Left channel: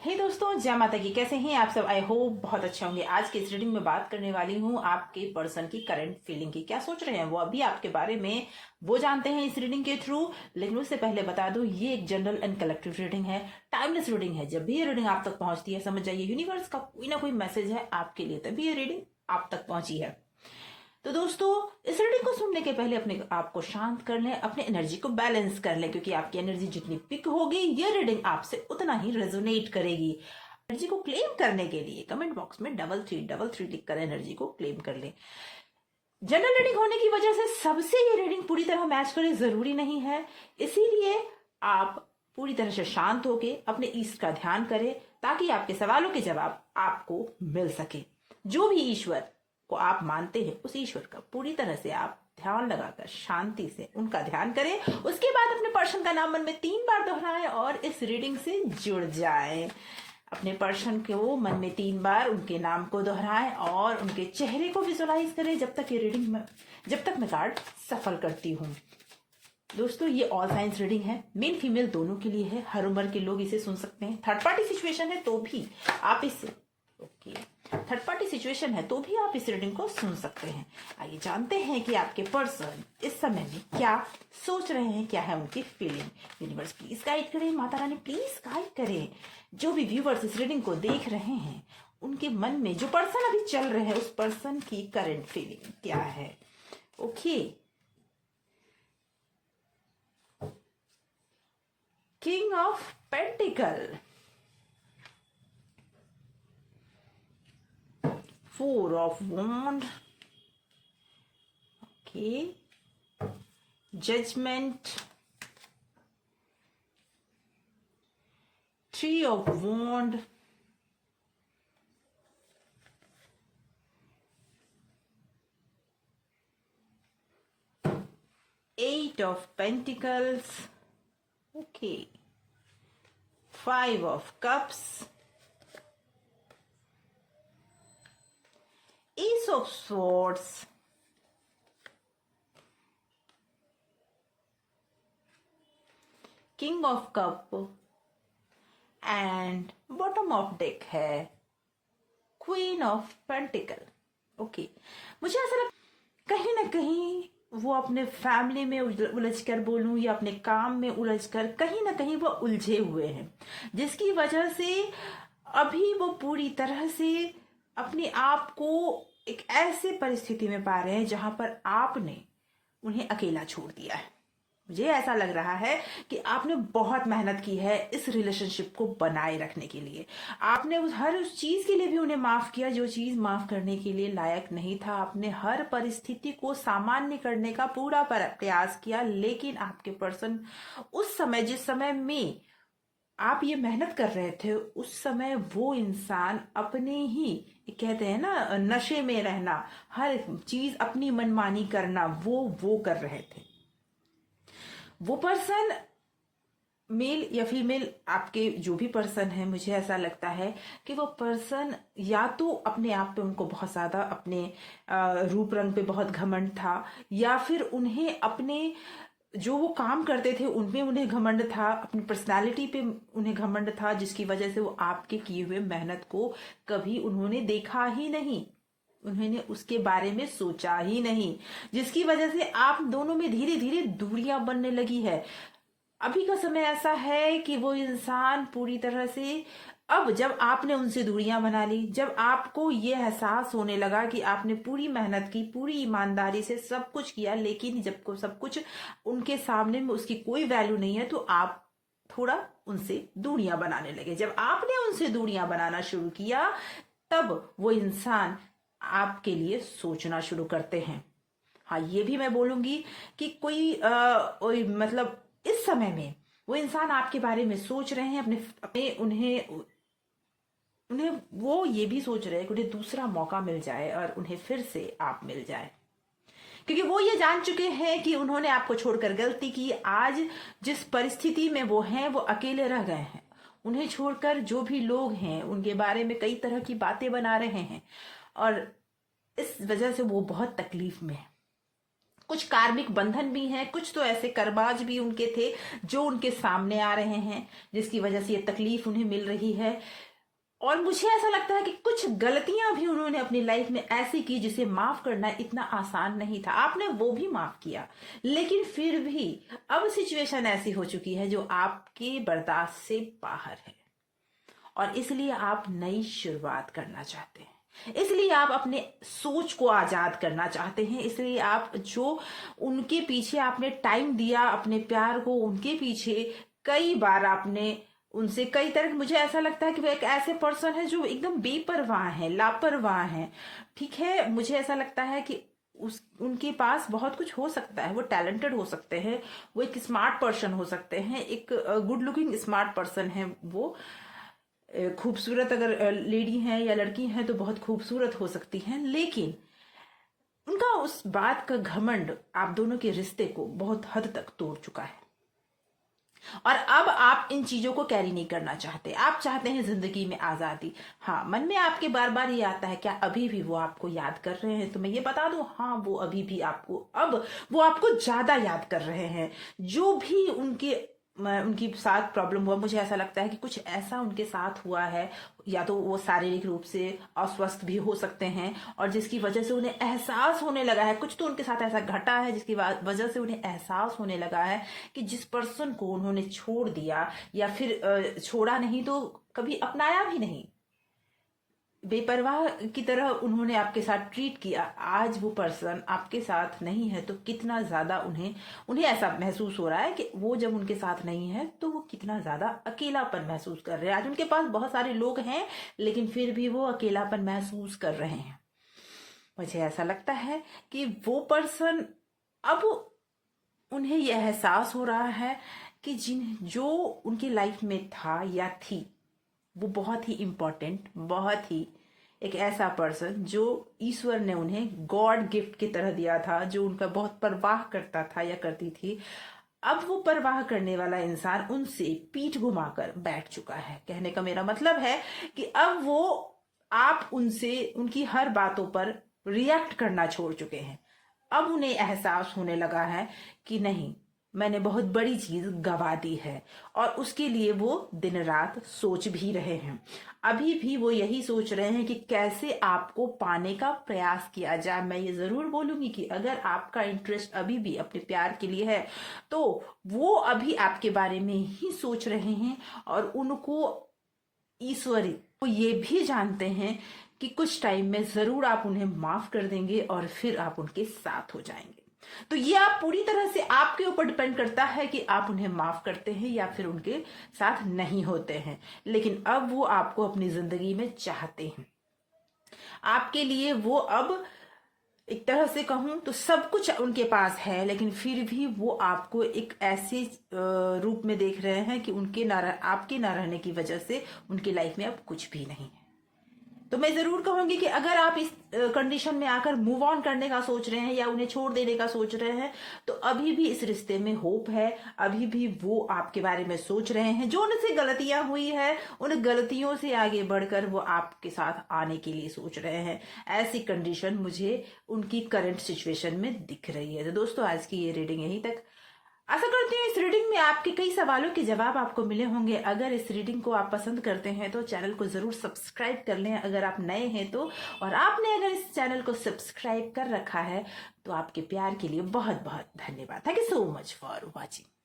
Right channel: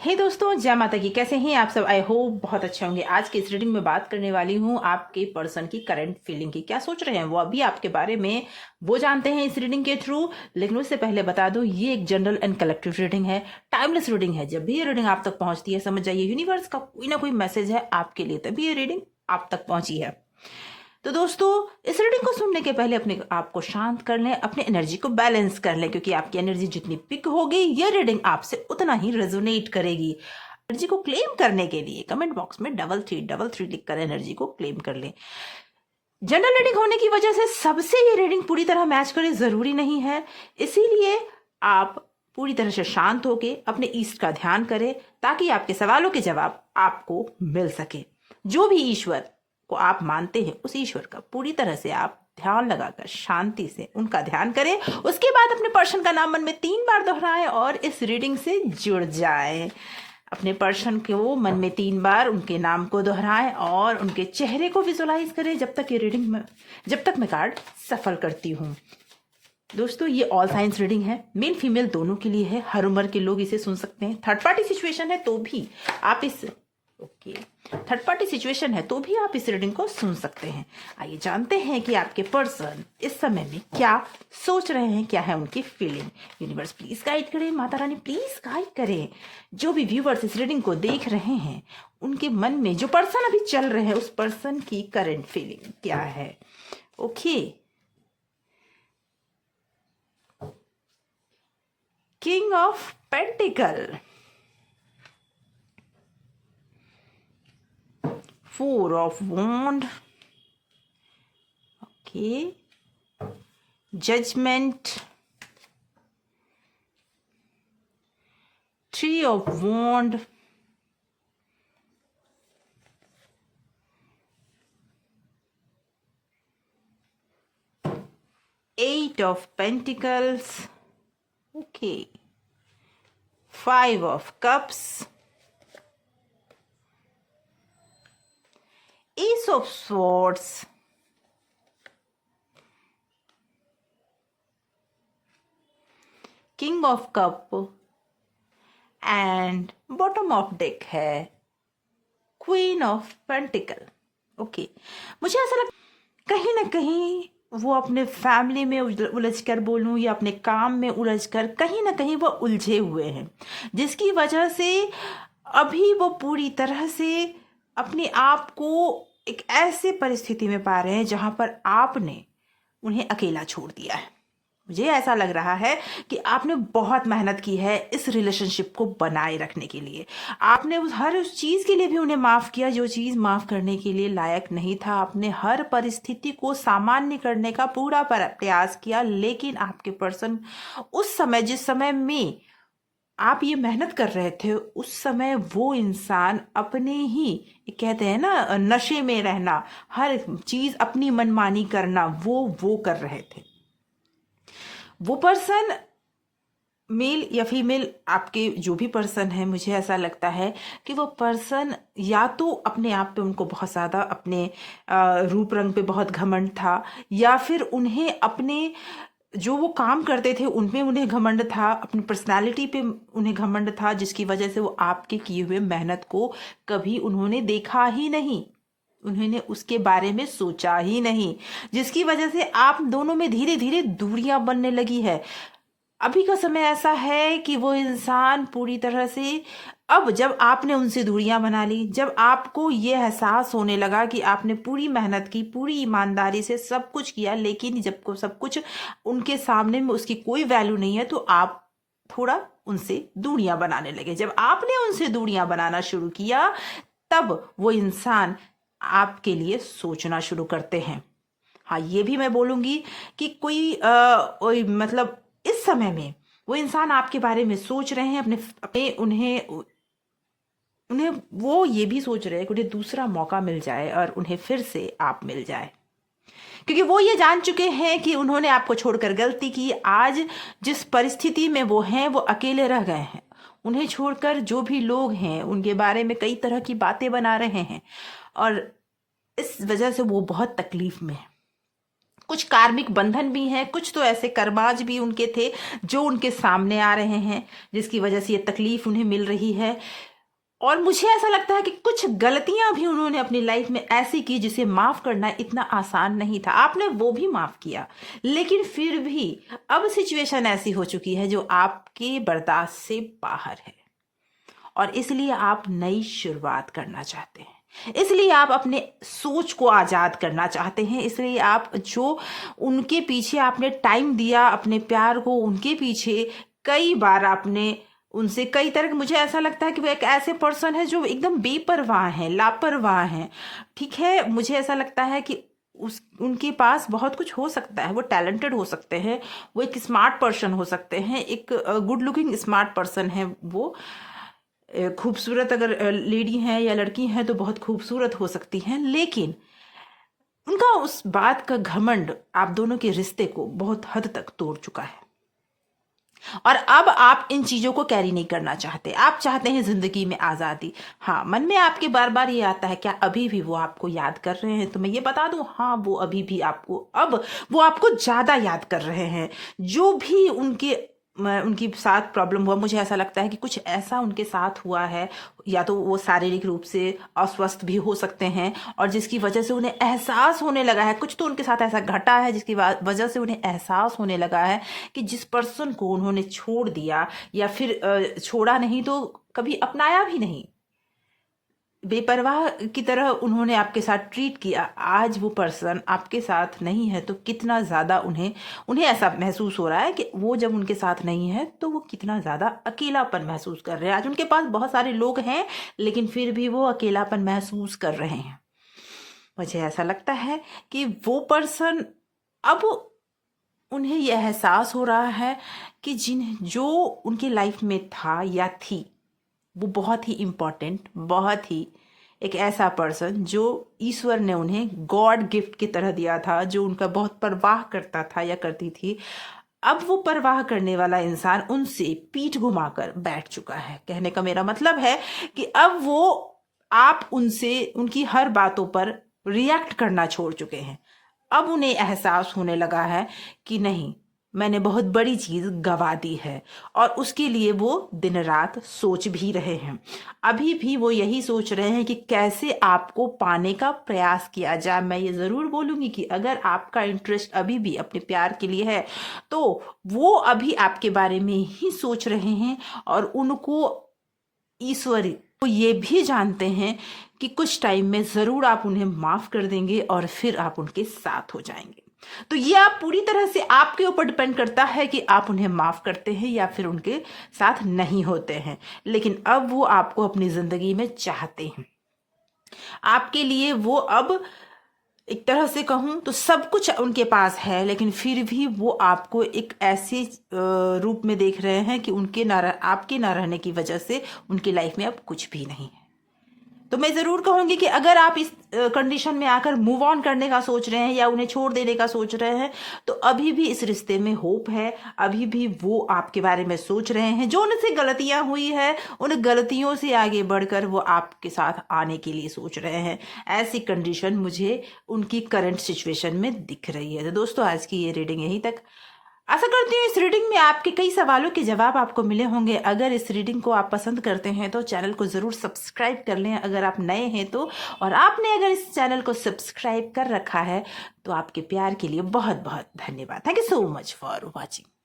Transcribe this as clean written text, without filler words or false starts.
हे दोस्तों, जय माता की। कैसे हैं आप सब? आई होप बहुत अच्छे होंगे। आज की इस रीडिंग में बात करने वाली हूँ आपके पर्सन की करंट फीलिंग की। क्या सोच रहे हैं वो अभी आपके बारे में, वो जानते हैं इस रीडिंग के थ्रू। लेकिन उससे पहले बता दूं, ये एक जनरल एंड कलेक्टिव रीडिंग है, टाइमलेस रीडिंग है। जब भी ये रीडिंग आप तक पहुंचती है, समझ जाइए यूनिवर्स का कोई ना कोई मैसेज है आपके लिए, तभी ये रीडिंग आप तक पहुंची है। तो दोस्तों, इस रीडिंग को सुनने के पहले अपने आप को शांत कर लें, अपने एनर्जी को बैलेंस कर लें, क्योंकि आपकी एनर्जी जितनी पिक होगी, ये रीडिंग आपसे उतना ही रेजोनेट करेगी। एनर्जी को क्लेम करने के लिए कमेंट बॉक्स में डबल थ्री लिखकर एनर्जी को क्लेम कर लें। जनरल रीडिंग होने की वजह से सबसे ये रीडिंग पूरी तरह मैच करे जरूरी नहीं है, इसीलिए आप पूरी तरह से शांत होके अपने ईस्ट का ध्यान करें, ताकि आपके सवालों के जवाब आपको मिल सके। जो भी ईश्वर को आप मानते हैं, उस ईश्वर का पूरी तरह से आप ध्यान लगाकर शांति से उनका ध्यान करें। उसके बाद अपने पर्सन का नाम मन में 3 बार दोहराएं और इस रीडिंग से जुड़ जाएं। अपने पर्सन को मन में 3 बार उनके नाम को दोहराएं और उनके चेहरे को विजुलाइज करें जब तक मैं कार्ड सफल करती हूँ। दोस्तों, ये ऑल साइंस रीडिंग है, मेल फीमेल दोनों के लिए है, हर उम्र के लोग इसे सुन सकते हैं। थर्ड पार्टी सिचुएशन है तो भी आप इस रीडिंग को सुन सकते हैं। आइए जानते हैं कि आपके पर्सन इस समय में क्या सोच रहे हैं, क्या है उनकी फीलिंग। यूनिवर्स प्लीज गाइड करें, माता रानी प्लीज गाइड करें। जो भी व्यूवर्स इस रीडिंग को देख रहे हैं, उनके मन में जो पर्सन अभी चल रहे हैं, उस पर्सन की करंट फीलिंग क्या है। Okay, king of pentacle, 4 of wand, okay, judgment, 3 of wand, 8 of pentacles, okay, 5 of cups, Ace of Swords, King of Cup and bottom of deck है क्वीन ऑफ पेंटिकल। ओके, मुझे ऐसा लगता कहीं ना कहीं वो अपने फैमिली में उलझ कर बोलूं या अपने काम में उलझ कर कहीं ना कहीं वो उलझे हुए हैं, जिसकी वजह से अभी वो पूरी तरह से अपने आप को एक ऐसे परिस्थिति में पा रहे हैं जहां पर आपने उन्हें अकेला छोड़ दिया है। मुझे ऐसा लग रहा है कि आपने बहुत मेहनत की है इस रिलेशनशिप को बनाए रखने के लिए। आपने उस चीज के लिए भी उन्हें माफ किया जो चीज माफ करने के लिए लायक नहीं था। आपने हर परिस्थिति को सामान्य करने का पूरा प्रयास किया, लेकिन आपके पर्सन उस समय, जिस समय में आप ये मेहनत कर रहे थे, उस समय वो इंसान अपने ही, कहते हैं ना, नशे में रहना, हर चीज अपनी मनमानी करना, वो कर रहे थे। वो पर्सन मेल या फीमेल, आपके जो भी पर्सन है, मुझे ऐसा लगता है कि वो पर्सन या तो अपने आप पे उनको बहुत ज़्यादा अपने रूप रंग पे बहुत घमंड था, या फिर उन्हें अपने जो वो काम करते थे उनमें उन्हें घमंड था, अपनी पर्सनालिटी पे उन्हें घमंड था, जिसकी वजह से वो आपके किए हुए मेहनत को कभी उन्होंने देखा ही नहीं, उन्होंने उसके बारे में सोचा ही नहीं, जिसकी वजह से आप दोनों में धीरे धीरे दूरियां बनने लगी है। अभी का समय ऐसा है कि वो इंसान पूरी तरह से, अब जब आपने उनसे दूरियां बना ली, जब आपको ये एहसास होने लगा कि आपने पूरी मेहनत की, पूरी ईमानदारी से सब कुछ किया, लेकिन जब को सब कुछ उनके सामने में उसकी कोई वैल्यू नहीं है, तो आप थोड़ा उनसे दूरियां बनाने लगे। जब आपने उनसे दूरियां बनाना शुरू किया, तब वो इंसान आपके लिए सोचना शुरू करते हैं। हाँ, ये भी मैं बोलूंगी कि मतलब इस समय में वो इंसान आपके बारे में सोच रहे हैं, अपने अपने उन्हें उन्हें वो ये भी सोच रहे हैं कि उन्हें दूसरा मौका मिल जाए और उन्हें फिर से आप मिल जाए, क्योंकि वो ये जान चुके हैं कि उन्होंने आपको छोड़कर गलती की। आज जिस परिस्थिति में वो हैं, वो अकेले रह गए हैं। उन्हें छोड़कर जो भी लोग हैं, उनके बारे में कई तरह की बातें बना रहे हैं, और इस वजह से वो बहुत तकलीफ में है। कुछ कार्मिक बंधन भी हैं, कुछ तो ऐसे कर्माज भी उनके थे जो उनके सामने आ रहे हैं, जिसकी वजह से ये तकलीफ उन्हें मिल रही है। और मुझे ऐसा लगता है कि कुछ गलतियां भी उन्होंने अपनी लाइफ में ऐसी की जिसे माफ करना इतना आसान नहीं था। आपने वो भी माफ किया, लेकिन फिर भी अब सिचुएशन ऐसी हो चुकी है जो आपके बर्दाश्त से बाहर है, और इसलिए आप नई शुरुआत करना चाहते हैं, इसलिए आप अपने सोच को आजाद करना चाहते हैं, इसलिए आप जो उनके पीछे आपने टाइम दिया, अपने प्यार को उनके पीछे कई बार आपने उनसे कई तरह, मुझे ऐसा लगता है कि वो एक ऐसे पर्सन है जो एकदम बेपरवाह है, लापरवाह है। ठीक है, मुझे ऐसा लगता है कि उनके पास बहुत कुछ हो सकता है, वो टैलेंटेड हो सकते हैं, वो एक स्मार्ट पर्सन हो सकते हैं, एक गुड लुकिंग स्मार्ट पर्सन है, वो खूबसूरत अगर लेडी हैं या लड़की हैं तो बहुत खूबसूरत हो सकती हैं, लेकिन उनका उस बात का घमंड आप दोनों के रिश्ते को बहुत हद तक तोड़ चुका है। और अब आप इन चीजों को कैरी नहीं करना चाहते, आप चाहते हैं जिंदगी में आजादी। हाँ, मन में आपके बार बार ये आता है क्या अभी भी वो आपको याद कर रहे हैं? तो मैं ये बता दूं, हाँ, वो अभी भी आपको, अब वो आपको ज्यादा याद कर रहे हैं। जो भी उनकी साथ प्रॉब्लम हुआ, मुझे ऐसा लगता है कि कुछ ऐसा उनके साथ हुआ है, या तो वो शारीरिक रूप से अस्वस्थ भी हो सकते हैं, और जिसकी वजह से उन्हें एहसास होने लगा है, कुछ तो उनके साथ ऐसा घटा है जिसकी वजह से उन्हें एहसास होने लगा है कि जिस पर्सन को उन्होंने छोड़ दिया, या फिर छोड़ा नहीं तो कभी अपनाया भी नहीं, बेपरवाह की तरह उन्होंने आपके साथ ट्रीट किया, आज वो पर्सन आपके साथ नहीं है तो कितना ज़्यादा उन्हें उन्हें ऐसा महसूस हो रहा है कि वो जब उनके साथ नहीं है तो वो कितना ज़्यादा अकेलापन महसूस कर रहे हैं। आज उनके पास बहुत सारे लोग हैं, लेकिन फिर भी वो अकेलापन महसूस कर रहे हैं। मुझे ऐसा लगता है कि वो पर्सन, अब उन्हें यह एहसास हो रहा है कि जो उनकी लाइफ में था या थी, वो बहुत ही इम्पोर्टेंट, बहुत ही एक ऐसा पर्सन जो ईश्वर ने उन्हें गॉड गिफ्ट की तरह दिया था, जो उनका बहुत परवाह करता था या करती थी। अब वो परवाह करने वाला इंसान उनसे पीठ घुमाकर बैठ चुका है। कहने का मेरा मतलब है कि अब वो आप उनसे उनकी हर बातों पर रिएक्ट करना छोड़ चुके हैं। अब उन्हें एहसास होने लगा है कि नहीं, मैंने बहुत बड़ी चीज गवा दी है, और उसके लिए वो दिन रात सोच भी रहे हैं। अभी भी वो यही सोच रहे हैं कि कैसे आपको पाने का प्रयास किया जाए। मैं ये जरूर बोलूंगी कि अगर आपका इंटरेस्ट अभी भी अपने प्यार के लिए है तो वो अभी आपके बारे में ही सोच रहे हैं, और उनको ईश्वरी वो ये भी जानते हैं कि कुछ टाइम में जरूर आप उन्हें माफ कर देंगे और फिर आप उनके साथ हो जाएंगे। तो ये आप पूरी तरह से आपके ऊपर डिपेंड करता है कि आप उन्हें माफ करते हैं या फिर उनके साथ नहीं होते हैं। लेकिन अब वो आपको अपनी जिंदगी में चाहते हैं, आपके लिए वो अब एक तरह से कहूं तो सब कुछ उनके पास है, लेकिन फिर भी वो आपको एक ऐसे रूप में देख रहे हैं कि आपके ना रहने की वजह से उनकी लाइफ में अब कुछ भी नहीं है। तो मैं जरूर कहूंगी कि अगर आप इस कंडीशन में आकर मूव ऑन करने का सोच रहे हैं या उन्हें छोड़ देने का सोच रहे हैं, तो अभी भी इस रिश्ते में होप है। अभी भी वो आपके बारे में सोच रहे हैं, जो उनसे गलतियां हुई है उन गलतियों से आगे बढ़कर वो आपके साथ आने के लिए सोच रहे हैं। ऐसी कंडीशन मुझे उनकी करंट सिचुएशन में दिख रही है। तो दोस्तों, आज की ये रीडिंग यहीं तक। आशा करती हूँ इस रीडिंग में आपके कई सवालों के जवाब आपको मिले होंगे। अगर इस रीडिंग को आप पसंद करते हैं तो चैनल को ज़रूर सब्सक्राइब कर लें अगर आप नए हैं तो, और आपने अगर इस चैनल को सब्सक्राइब कर रखा है तो आपके प्यार के लिए बहुत बहुत धन्यवाद। Thank you so much for watching.